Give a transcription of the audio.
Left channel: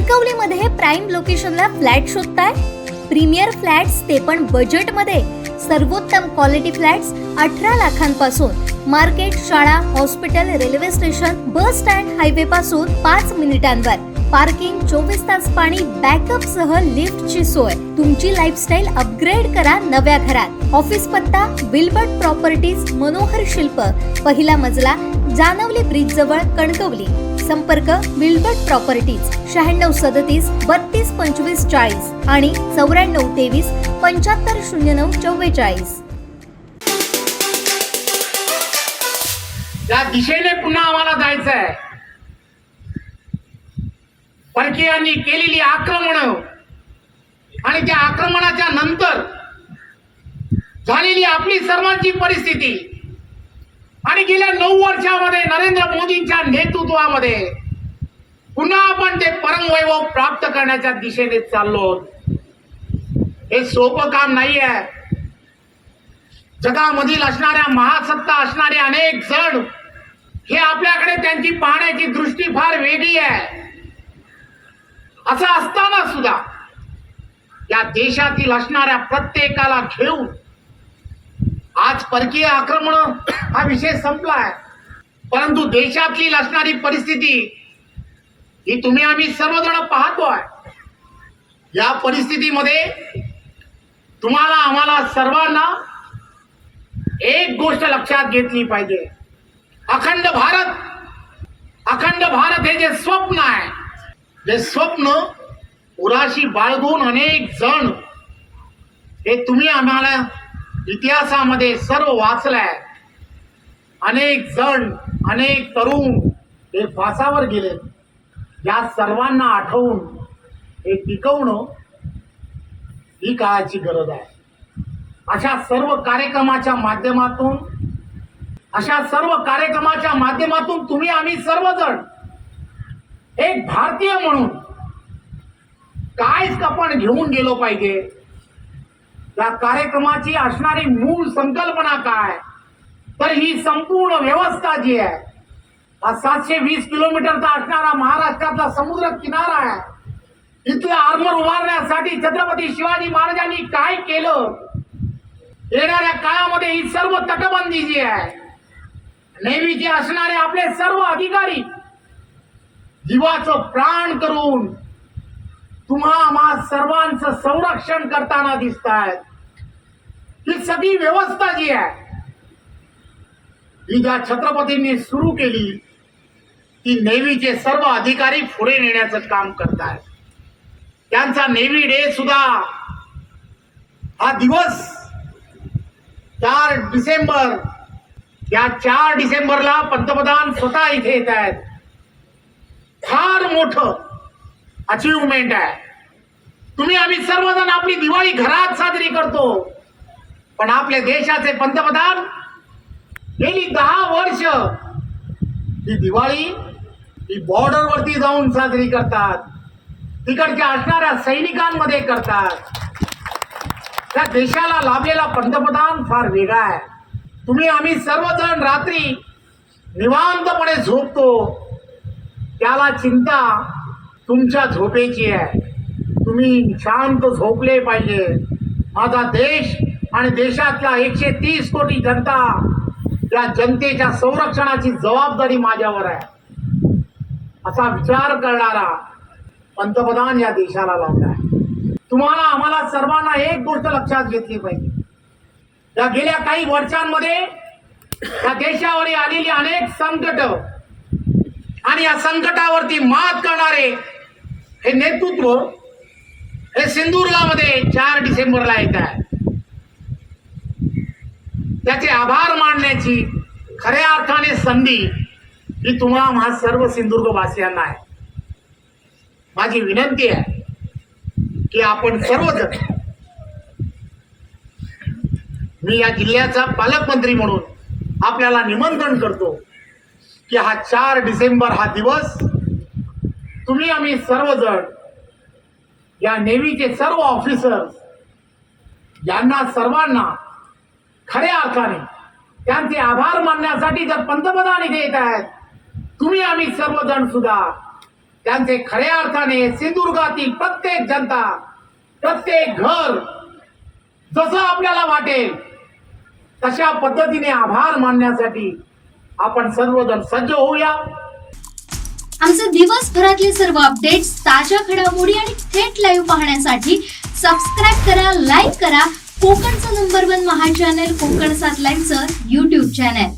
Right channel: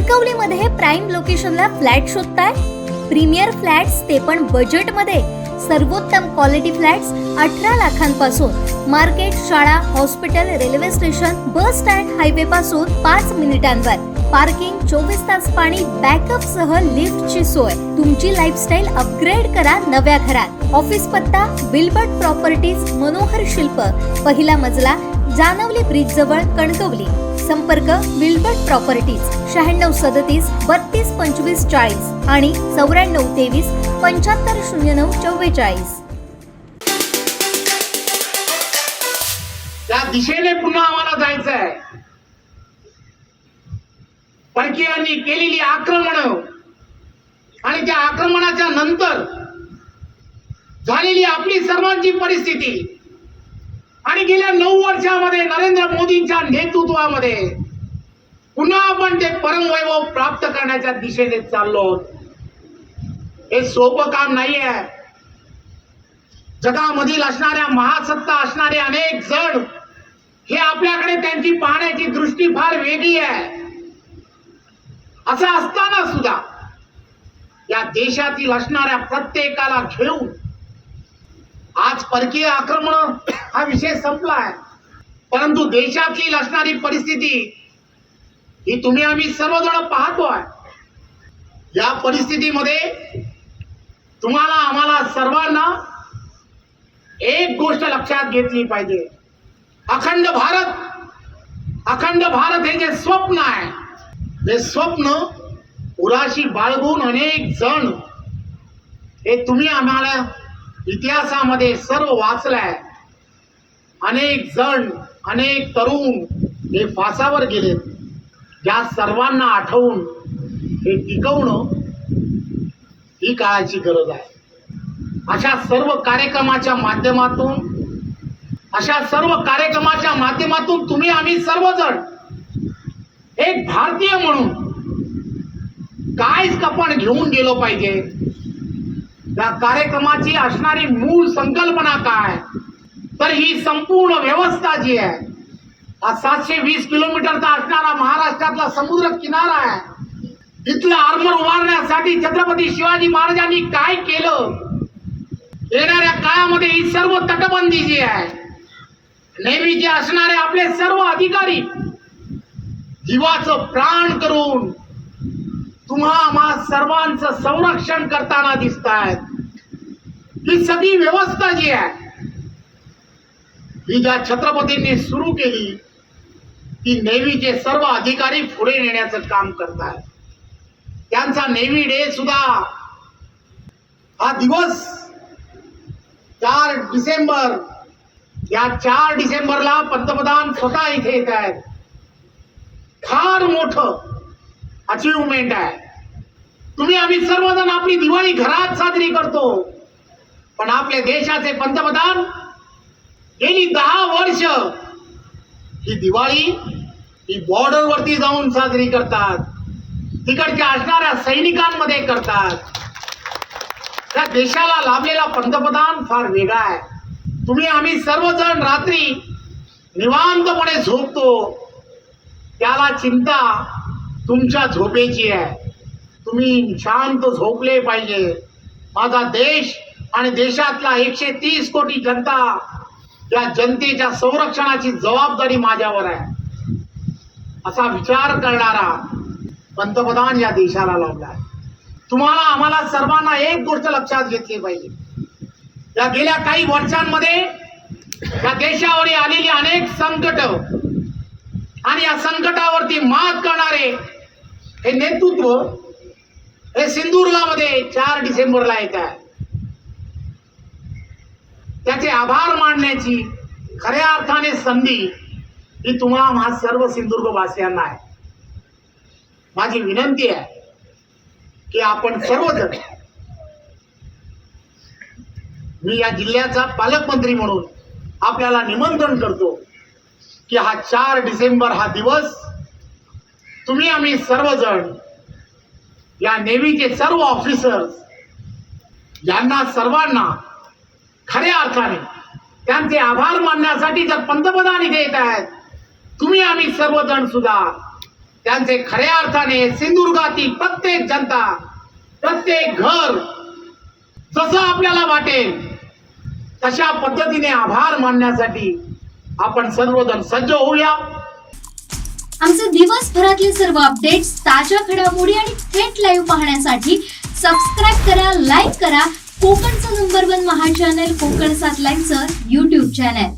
कणकवलीमध्ये prime लोकेशनला flat शोधताय? Premier flats ते पण बजेटमध्ये. सर्वोत्तम क्वालिटी फ्लॅट्स 18 लाखांपासून. मार्केट, शाळा, hospital, railway station, bus stand, highway पासून 5 मिनिटांवर. पार्किंग, 24 तास पाणी, बॅकअप सह लिफ्टची सोय. तुमची लाईफस्टाईल अपग्रेड करा नव्या घरात. ऑफिस पत्ता विल्बर्ट प्रॉपर्टीज, मनोहर शिल्प, पहिला मजला, जानवली ब्रिज जवळ, कणकवली. संपर्क विल्बर्ट प्रॉपर्टीज 9637 322540 आणि 9423 750944. त्या दिशेने पुन्हा आम्हाला जायचं आहे. परकीयांनी केलेली आक्रमण आणि त्या आक्रमणाच्या नंतर झालेली आपली सर्वांची परिस्थिती आणि गेल्या 9 वर्षामध्ये नरेंद्र मोदींच्या नेतृत्वामध्ये पुन्हा आपण ते परमवैभव प्राप्त करण्याच्या दिशेने चाललो. हे सोपं काम नाही आहे. जगामधील असणाऱ्या महासत्ता असणारे अनेक जण हे आपल्याकडे त्यांची पाहण्याची दृष्टी फार वेगळी आहे. असं असताना सुद्धा या देशातील असणाऱ्या प्रत्येकाला घेऊन आज परकीय आक्रमण हा विषय संपलाय. परंतु देशातील असणारी परिस्थिती ही तुम्ही आम्ही सर्वजण पाहतोय. या परिस्थितीमध्ये तुम्हाला आम्हाला सर्वांना एक गोष्ट लक्षात घेतली पाहिजे. अखंड भारत हे जे स्वप्न आहे, जे स्वप्न उराशी बाळगून अनेक जण हे तुम्ही आम्हाला इतिहासामध्ये सर्व वाचलंय. अनेक जण, अनेक तरुण हे फासावर गेले. या सर्वांना आठवून हे टिकवणं ही काळाची गरज आहे. अशा सर्व कार्यक्रमाच्या माध्यमातून तुम्ही आम्ही सर्वजण एक भारतीय म्हणून काय आपण घेऊन गेलो पाहिजे. त्या कार्यक्रमाची असणारी मूळ संकल्पना काय, तर ही संपूर्ण व्यवस्था जी आहे, हा 720 किलोमीटरचा असणारा महाराष्ट्रातला समुद्र किनारा आहे. इथलं आर्मर उभारण्यासाठी छत्रपती शिवाजी महाराजांनी काय केलं, येणाऱ्या काळामध्ये ही सर्व तटबंदी जी आहे, नेव्हीचे असणारे आपले सर्व अधिकारी जीवाचं प्राण करून तुम्हा आम्हा सर्वांचं संरक्षण करताना दिसत आहेत. ही सगळी व्यवस्था जी आहे ही ज्या छत्रपतींनी सुरू केली ती नेव्हीचे सर्व अधिकारी पुढे नेण्याचं काम करतात. त्यांचा नेव्ही डे सुद्धा हा दिवस 4 डिसेंबर, या 4 डिसेंबरला पंतप्रधान स्वतः इथे येत आहेत. फार मोठं अचीवमेंट आहे. तुम्ही आम्ही सर्वजण आपली दिवाळी घरात साजरी करतो, पण आपल्या देशाचे पंतप्रधान गेली 10 वर्ष ही दिवाळी ही बॉर्डर वरती जाऊन साजरी करतात. तिकडच्या असणाऱ्या सैनिकांमध्ये करतात. त्या देशाला लाभलेला पंतप्रधान फार वेगळा आहे. तुम्ही आम्ही सर्वजण रात्री निवांतपणे झोपतो, त्याला चिंता तुमच्या झोपेची आहे. तुम्ही शांत झोपले पाहिजे. माझा देश आणि देशातला 130 कोटी जनता, या जनतेच्या संरक्षणाची जबाबदारी माझ्यावर आहे असा विचार करणारा पंतप्रधान या देशाला लाभला. तुम्हाला आम्हाला सर्वांना एक गोष्ट लक्षात घेतली पाहिजे. या गेल्या काही वर्षांमध्ये या देशावर आलेली अनेक संकट आणि या संकटावरती मात करणारे हे नेतृत्व हे सिंधुदुर्गामध्ये 4 डिसेंबरला येत आहे. त्याचे आभार मानण्याची खऱ्या अर्थाने संधी ही तुम्हा सर्व सिंधुदुर्गवासियांना आहे. माझी विनंती आहे की आपण सर्वजण, मी या जिल्ह्याचा पालकमंत्री म्हणून आपल्याला निमंत्रण करतो की हा 4 डिसेंबर हा दिवस तुम्ही आम्ही सर्वजण या नेव्हीचे सर्व ऑफिसर्स यांना सर्वांना खऱ्या अर्थाने त्यांचे आभार मानण्यासाठी जर पंतप्रधान इथे येत आहेत, तुम्ही आम्ही सर्वजण सुद्धा त्यांचे खऱ्या अर्थाने सिंधुदुर्गातील प्रत्येक जनता, प्रत्येक घर जसं आपल्याला वाटेल तशा पद्धतीने आभार मानण्यासाठी आपण सर्वजण सज्ज होऊया. आमचे दिवसभरातले सर्व अपडेट्स, ताज्या घडामोडी आणि थेट लाईव्ह पाहण्यासाठी सबस्क्राईब करा, लाईक करा कोकणचं नंबर 1 महा चॅनल कोकण 7 लाईव्हचं YouTube चॅनल.